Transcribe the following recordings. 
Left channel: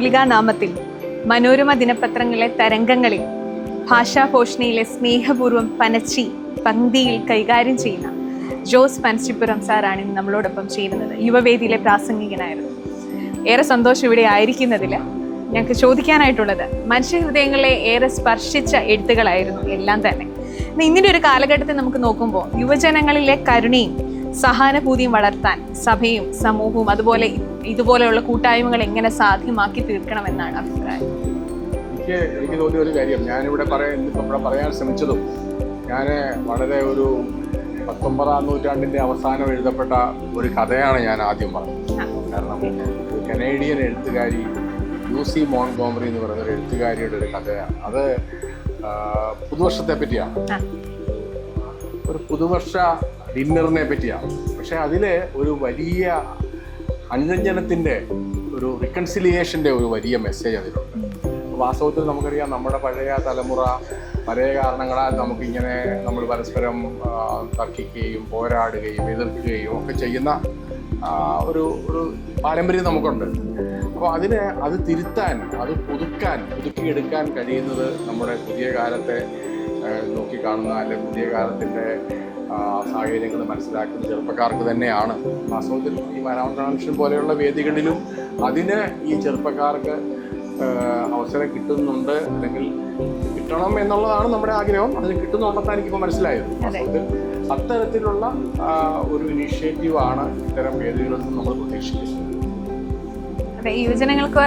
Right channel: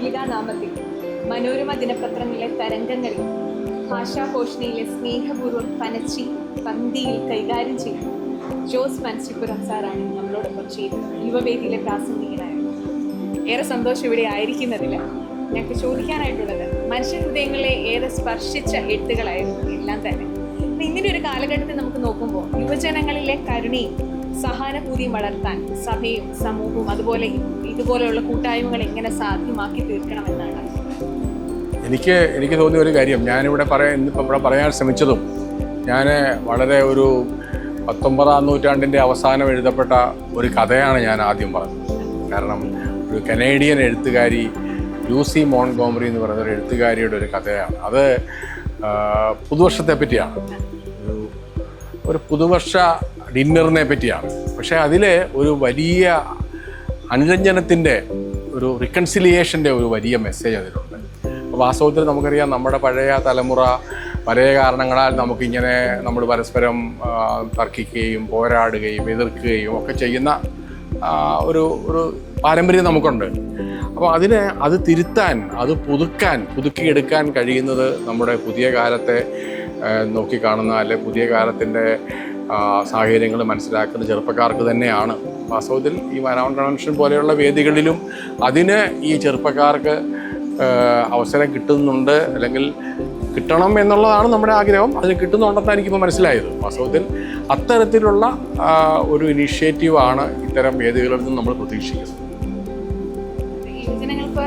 തൂലികാ നാമത്തിൽ മനോരമ ദിനപത്രങ്ങളിലെ തരംഗങ്ങളിൽ ഭാഷാഭോഷണിയിലെ സ്നേഹപൂർവ്വം പനച്ചി പങ്ക്തിയിൽ കൈകാര്യം ചെയ്യുന്ന ജോസ് പനച്ചിപ്പുറം സാറാണ് നമ്മളോടൊപ്പം ചേരുന്നത്. യുവവേദിയിലെ പ്രാസംഗികനായിരുന്നു. ഏറെ സന്തോഷം ഇവിടെ ആയിരിക്കുന്നതിൽ. ഞങ്ങൾക്ക് ചോദിക്കാനായിട്ടുള്ളത്, മനുഷ്യഹൃദയങ്ങളെ ഏറെ സ്പർശിച്ച എഴുത്തുകളായിരുന്നു എല്ലാം തന്നെ. ഇങ്ങനെ ഒരു കാലഘട്ടത്തിൽ നമുക്ക് നോക്കുമ്പോൾ യുവജനങ്ങളിലെ കരുണയും സഹാനുഭൂതിയും വളർത്താൻ സഭയും സമൂഹവും അതുപോലെ ഇതുപോലെയുള്ള കൂട്ടായ്മകൾ എങ്ങനെ സാധ്യമാക്കി തീർക്കണമെന്നാണ് അഭിപ്രായം. എനിക്ക് തോന്നിയ ഒരു കാര്യം ഞാനിവിടെ പറയാൻ ശ്രമിച്ചതും, ഞാൻ വളരെ ഒരു 19-ാം നൂറ്റാണ്ടിൻ്റെ അവസാനം എഴുതപ്പെട്ട ഒരു കഥയാണ് ഞാൻ ആദ്യം പറഞ്ഞത്. കാരണം ഒരു കനേഡിയൻ എഴുത്തുകാരി ലൂസി മോൺഗോമറി എന്ന് പറയുന്ന ഒരു എഴുത്തുകാരിയുടെ ഒരു കഥയാണ്. അത് പുതുവർഷത്തെ പറ്റിയാണ്, ഒരു പുതുവർഷ ഡിന്നറിനെ പറ്റിയാണ്. പക്ഷേ അതിൽ ഒരു വലിയ അനുരഞ്ജനത്തിൻ്റെ, ഒരു റിക്കൺസിലിയേഷൻ്റെ ഒരു വലിയ മെസ്സേജ് അതിലുണ്ട്. വാസ്തവത്തിൽ നമുക്കറിയാം, നമ്മുടെ പഴയ തലമുറ പല കാരണങ്ങളാൽ നമുക്കിങ്ങനെ നമ്മൾ പരസ്പരം തർക്കിക്കുകയും പോരാടുകയും എതിർക്കുകയും ഒക്കെ ചെയ്യുന്ന ഒരു പാരമ്പര്യം നമുക്കുണ്ട്. അപ്പോൾ അത് തിരുത്താൻ, അത് പുതുക്കിയെടുക്കാൻ കഴിയുന്നത് നമ്മുടെ പുതിയ കാലത്തെ നോക്കിക്കാണുന്ന, അല്ലെ പുതിയ കാലത്തിൻ്റെ സാഹചര്യങ്ങൾ മനസ്സിലാക്കുന്ന ചെറുപ്പക്കാർക്ക് തന്നെയാണ്. വാസ്തവത്തിൽ ഈ വയനാട് കൺവെൻഷൻ പോലെയുള്ള വേദികളിലും അതിന് ഈ ചെറുപ്പക്കാർക്ക് അവസരം കിട്ടുന്നുണ്ട്, അല്ലെങ്കിൽ കിട്ടണം എന്നുള്ളതാണ് നമ്മുടെ ആഗ്രഹം. അതിന് കിട്ടുന്നുണ്ടെന്നാണ് എനിക്കിപ്പോൾ മനസ്സിലായത്. വാസ്തവത്തിൽ അത്തരത്തിലുള്ള ഒരു ഇനിഷ്യേറ്റീവാണ് ഇത്തരം വേദികളിൽ നിന്ന് നമ്മൾ പ്രതീക്ഷിക്കുന്നത്. യുവജനങ്ങൾക്ക്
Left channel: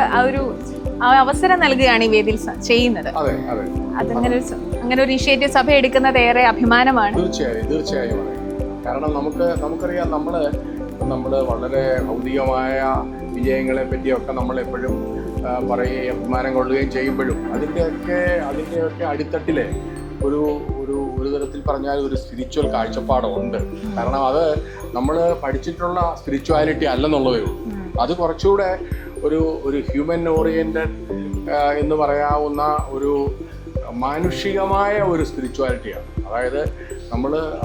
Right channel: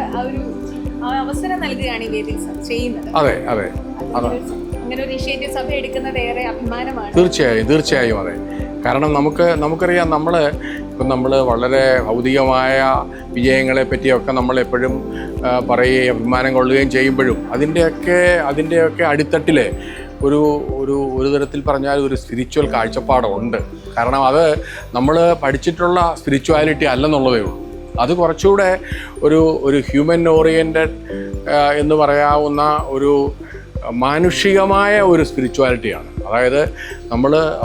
അവസരം നൽകുകയാണ് ഈ വേദിയിൽ ചെയ്യുന്നത്. അതെ അതെ, അങ്ങനെ ഒരു ഇനിഷ്യേറ്റീവ് സഭ എടുക്കുന്നത് ഏറെ അഭിമാനമാണ്. തീർച്ചയായും അതെ. കാരണം നമുക്കറിയാം, നമ്മൾ വളരെ ഭൗതികമായ വിജയങ്ങളെ പറ്റിയൊക്കെ നമ്മളെപ്പോഴും പറയുകയും അഭിമാനം കൊള്ളുകയും ചെയ്യുമ്പോഴും അതിൻ്റെയൊക്കെ അടിത്തട്ടിലെ ഒരു തരത്തിൽ പറഞ്ഞാൽ ഒരു സ്പിരിച്വൽ കാഴ്ചപ്പാടുണ്ട്. കാരണം അത് നമ്മൾ പഠിച്ചിട്ടുള്ള സ്പിരിച്വാലിറ്റി അല്ലെന്നുള്ളതേ ഉള്ളൂ. അത് കുറച്ചുകൂടെ ഒരു ഹ്യൂമൻ ഓറിയൻറ്റഡ് എന്ന് പറയാവുന്ന ഒരു മാനുഷികമായ ഒരു സ്പിരിച്വാലിറ്റിയാണ്. അതായത്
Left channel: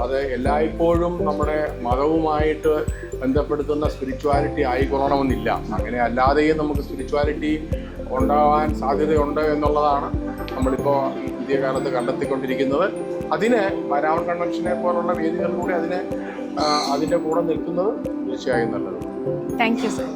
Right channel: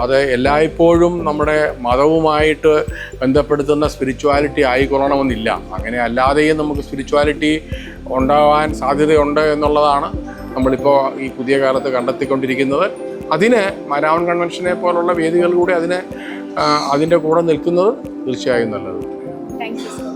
അത് എല്ലായ്പ്പോഴും നമ്മുടെ മതവുമായിട്ട് ബന്ധപ്പെടുത്തുന്ന സ്പിരിച്വാലിറ്റി ആയിക്കൊള്ളണമെന്നില്ല. അങ്ങനെ അല്ലാതെയും നമുക്ക് സ്പിരിച്വാലിറ്റി ഉണ്ടാവാൻ സാധ്യതയുണ്ട് എന്നുള്ളതാണ് നമ്മളിപ്പോൾ ഈ പുതിയ കാലത്ത് കണ്ടെത്തിക്കൊണ്ടിരിക്കുന്നത്. അതിന് മനാവൻ കൺവെൻഷനെ പോലുള്ള വേദികളിലൂടെ അതിൻ്റെ കൂടെ നിൽക്കുന്നത് തീർച്ചയായും നല്ലത്. Thank you sir.